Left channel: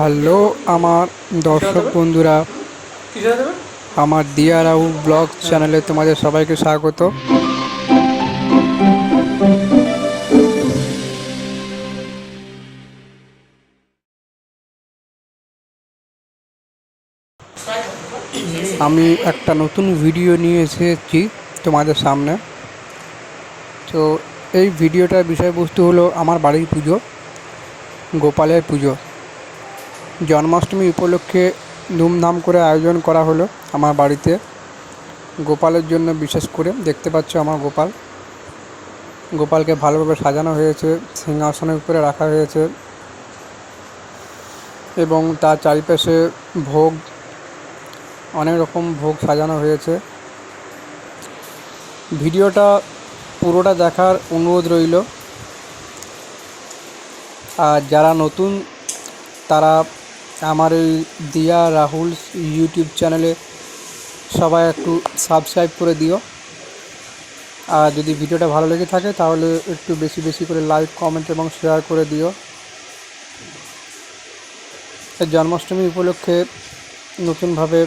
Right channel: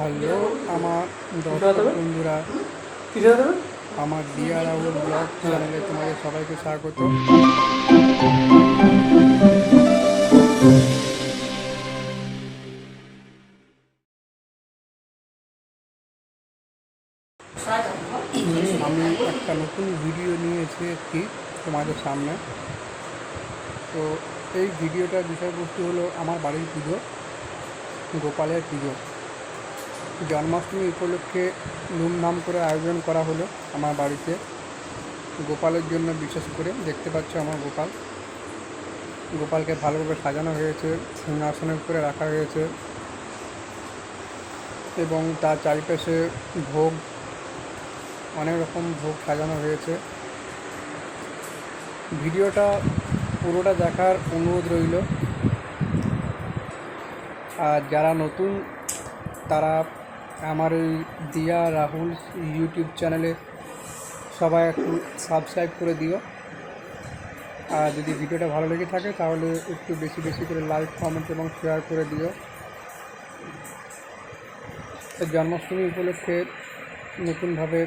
Hello আমার দর্শক বন্ধুরা। আমার দিয়া রাহুল ব্লগ চ্যানেলে তোমাদের সবাইকে স্বাগত। আমি একটা নতুন ভিডিও নিয়ে এসেছি তোমাদের সামনে। তো এই ভিডিওটার বিষয়বস্তু হলো আমার বাড়ির পুজো গোপালের পুজো। জন্মাষ্টমী উপলক্ষে ধুমধাম করে আয়োজন করা হলো আমার বাড়িতে। গোপালের জন্য বিশেষ করে, দেখতে পাচ্ছ আমার গোপাল। গোপালকে ভালোভাবে সাজানো হয়েছে, সিংহাসনের উপরে রাখা হয়েছে এবং তার চারিপাশে ভোগ, অনেক রকম ভোগ সাজানো হয়েছে। ভিডিওটা পুরোটা দেখার অনুরোধ রইল। আর যারা নতুন, তারা আমার এই দিয়া রাহুল ইউটিউব চ্যানেলে সবাই একটু সাবস্ক্রাইব করে দিও। আর যদি ভিডিওটা ভালো লেগে থাকে তাহলে একটু বেশি বেশি করে লাইক কমেন্ট এবং শেয়ার করে দিও। জন্মাষ্টমী উপলক্ষে নতুনভাবে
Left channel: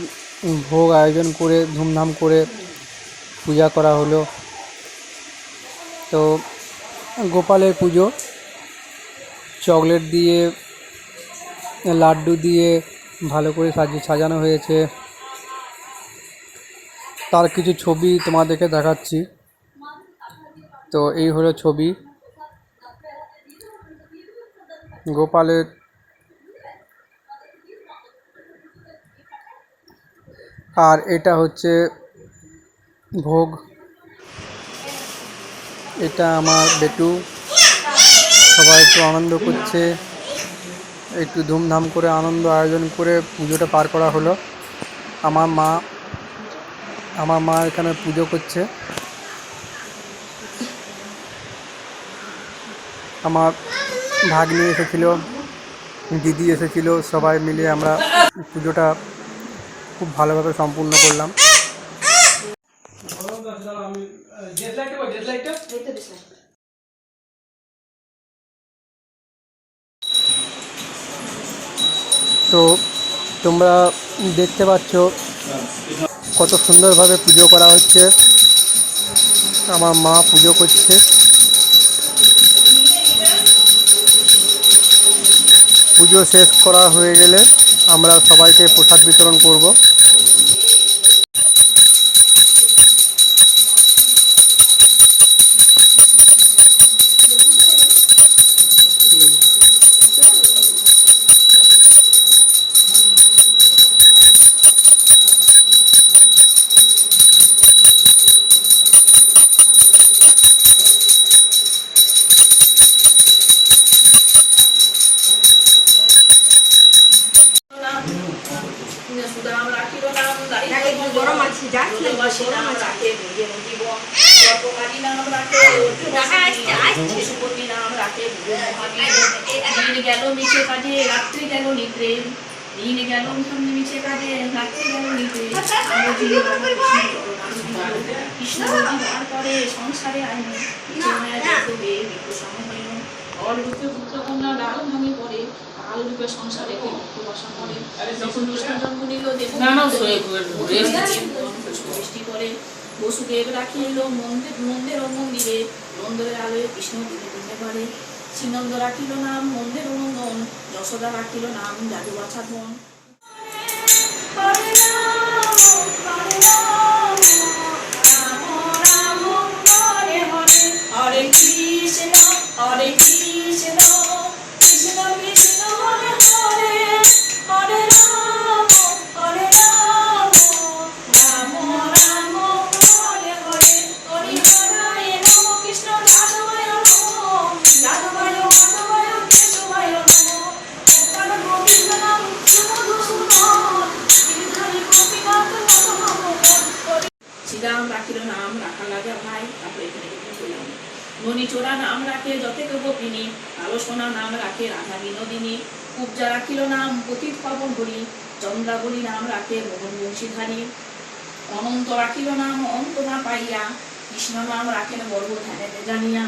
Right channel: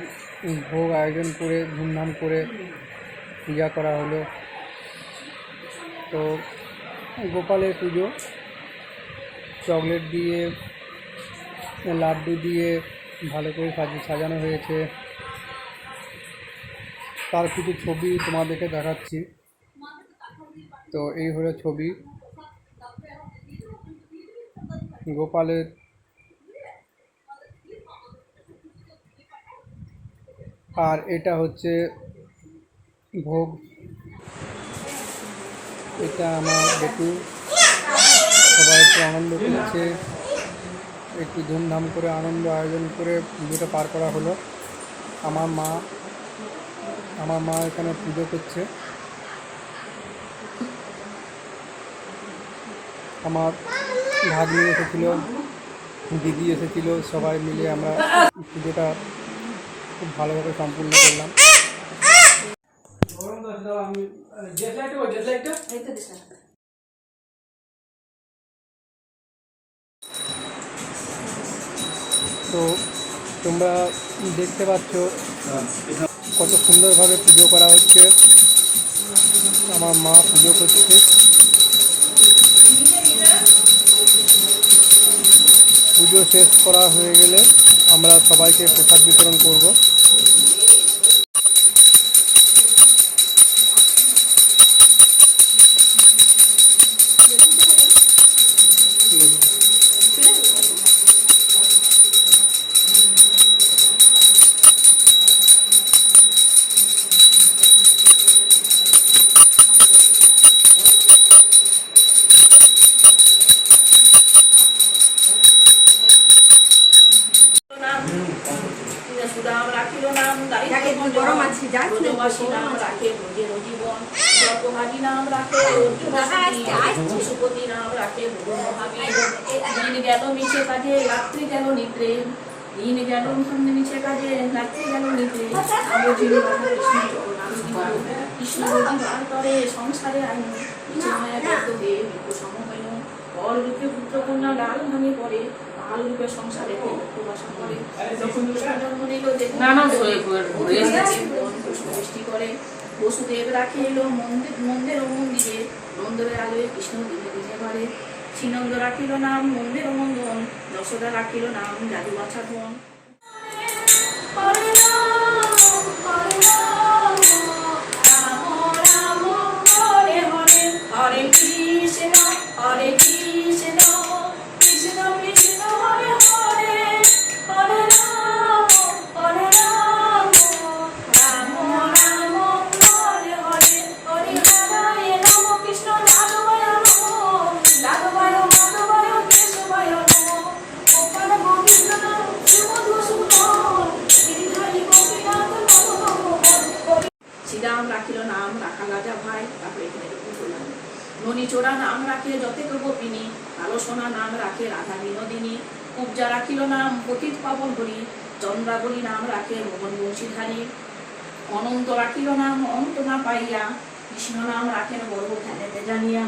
ভোগ আয়োজন করে, ধুমধাম করে পূজা করা হলো। তো গোপালের পুজো, চকলেট দিয়ে লাড্ডু দিয়ে ভালো করে সাজানো হয়েছে। তার কিছু ছবি তোমাদেরকে দেখাচ্ছি। তো এই হলো ছবি। গোপালের আর এটা হচ্ছে ভোগ। এটা আমার বেটু। সবাই একটু আনন্দ করছে। একটু ধুমধাম করে আনন্দ আয়োজন করে পুজোটা পার করা হলো। আমার মা আমার মা এখানে পুজো করছে। আমার ভাগ্নি এসেছিল, দিদি এসেছিল, সবাই মিলে আমরা পুজোটা খুব ভালোভাবে সম্পূর্ণ করলাম। তো তোমরা দেখতে পাচ্ছ কত সুন্দরভাবে পুজো করা হচ্ছে। আমার মা পুজো করছে। পুজো শেষ করা হয়ে গেলে আমরা সবাইকে প্রসাদ বিতরণ করব। গেল মিছে রাত্রি গেল গেল মিছে কাজে রাত্রি গেল নিদ্রে কৃষ্ণ বার করে সংসারে আইন বিপুষম হইল অলরূপে পুত্র কন্যা গাল ভাঙে পড়ে রূপে সংসারে উপবাসা করে যখন কৃষ্ণ জন্ম দেব পুষ্পবৃষ্টি করে বসুদেব রাখিল মন্দির মন্দির ও মন্দিরে। মন্দিরের আলোয় কৃষ্ণ দিনে দিনে ঘরে শ্রীনন্দ রাখিল নাম মন্দির ও নন্দন। যশোদা রাখিল নাম জাদু বাছা বন হরে নাম রাখা লাগা ভাই, তারপরে এখানে একটু নাম রাখে যথেক গোপিনী কালো সোনা নাম রাখে রাধা বিনোদিনী কুব্জা রাখিল নাম পতিত পাবন হরি, চন্দ্রাবলী নাম রাখে মোহন বংশীধারী অনন্ত রাখিল নাম অন্ত না পাইয়া, কৃষ্ণ নাম রাখেন বড় ধ্যানেতে জানিয়া।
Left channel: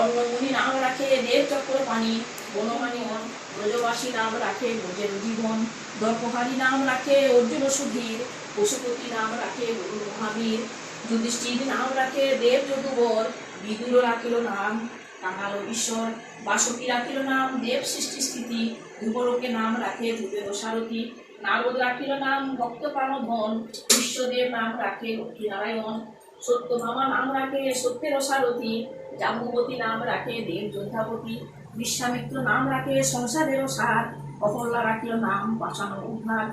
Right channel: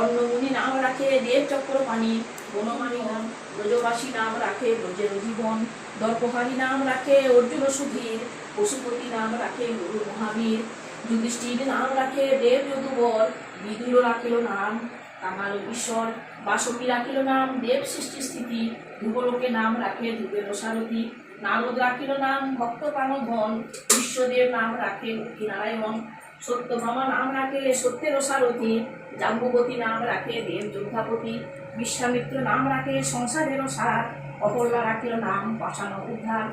অন্নমুনি নাম রাখে দেব চক্র পানি বনমানি হন ব্রজবাসী নাম রাখে ব্রজের জীবন। দর্পহারী নাম রাখে অর্জুন সুধীর, পশুপতি নাম রাখে গুরু মহাবীর। যুধিষ্ঠির নাম রাখে দেব যদুবর বিদুর রাখিল নাম কাঙাল ঈশ্বর, বাসকি রাখিল নাম, দেব সৃষ্টি স্থিতি ধ্রুবলোকে নাম রাখে ধ্রুবের সারথী নারদ রাখিল নাম, ভক্ত প্রাণধন, বিশ্বদেব নাম রাখে লক্ষ্মীনারায়ণ, সত্যভামা নাম রাখে সত্যের সারথী জাম্বুবতী নাম রাখে দেব যোদ্ধাপতি বিশ্বামিত্র নাম রাখে সংসারেরও সার অহল্লা রাখিল নাম পাশানো উদ্ধার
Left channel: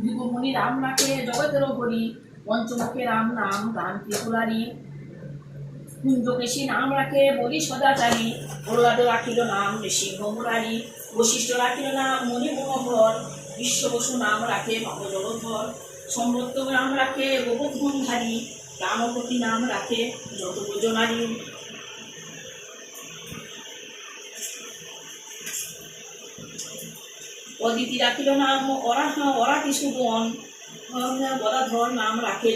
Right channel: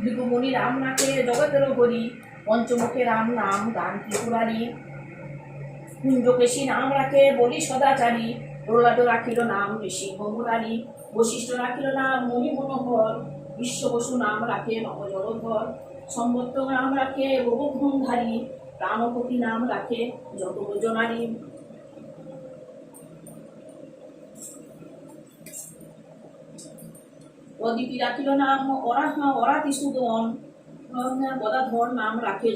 ভৃগুমুনি রাম রাখে জগতেরও হরি পঞ্চমুখে রাম নাম, গান ত্রিপুরারি। কুঞ্জকেশী নাম রাখে বলি সদাচারী। প্রহ্লাদ রাখিল নাম ঋষিংহ মুরারি বশিষ্ঠ রাখিল নাম মণি মনোহর বিশ্ববসু নাম রাখে নব জগধর সম্বত্ত নাম রাখে বহুধনধারী রামপতি নাম রাখে যত যোজনারী অদিতি রাখিল নাম অরাহা অরাতি সুদন নাম রাখে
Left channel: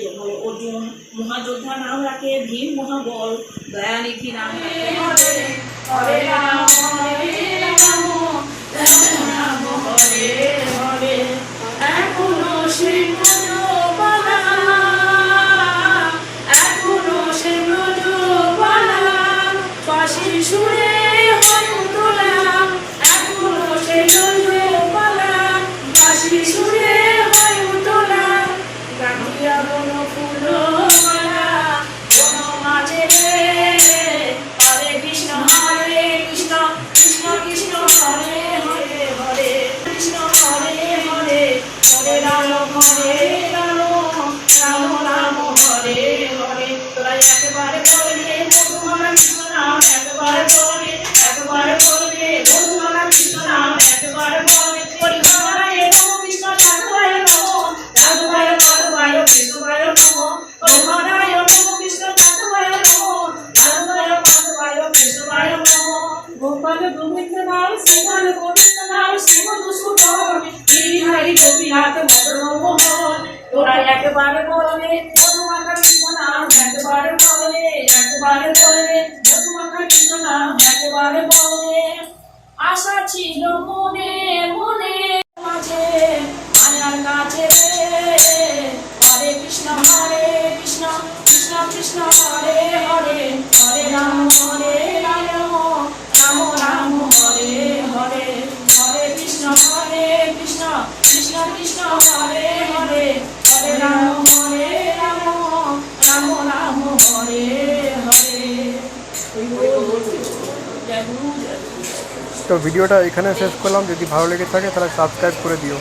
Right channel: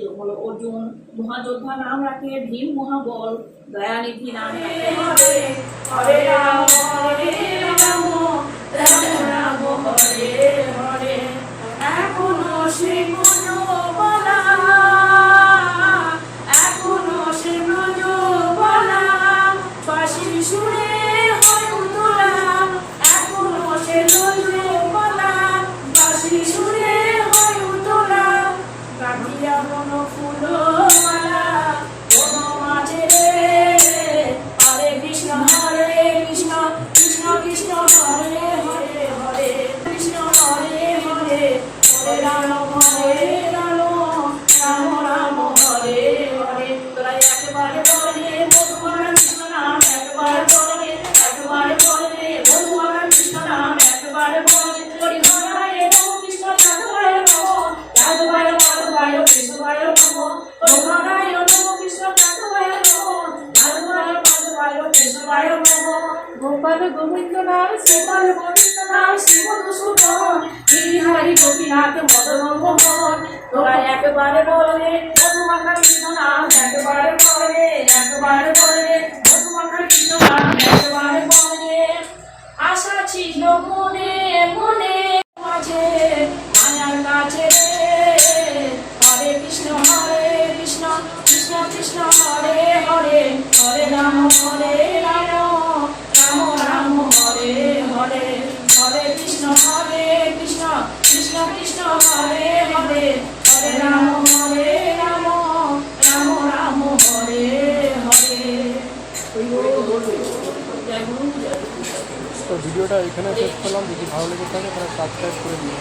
অর্জুন। মহাযোদ্ধা নাম রাখে ভীম মহাবল। দয়ানিধি নাম রাখে। গোপাল গোবিন্দ নাম শ্রীমান গোবিন্দ নাম শ্রীমধুসূদন গিরিহারি গোপীনাথ মদন মোহন তোরা একবারে বলবে, মধুমাখা কৃষ্ণ নাম একবারে বলবে একবারে বলবে, মধুমাখা কৃষ্ণ নাম একবারে বলবে। আশা ছিল মনে তো ভিডিওটা এখানে শেষ করলাম। যদি ভালো লেগে থাকে তাহলে সাবস্ক্রাইব করে দিও।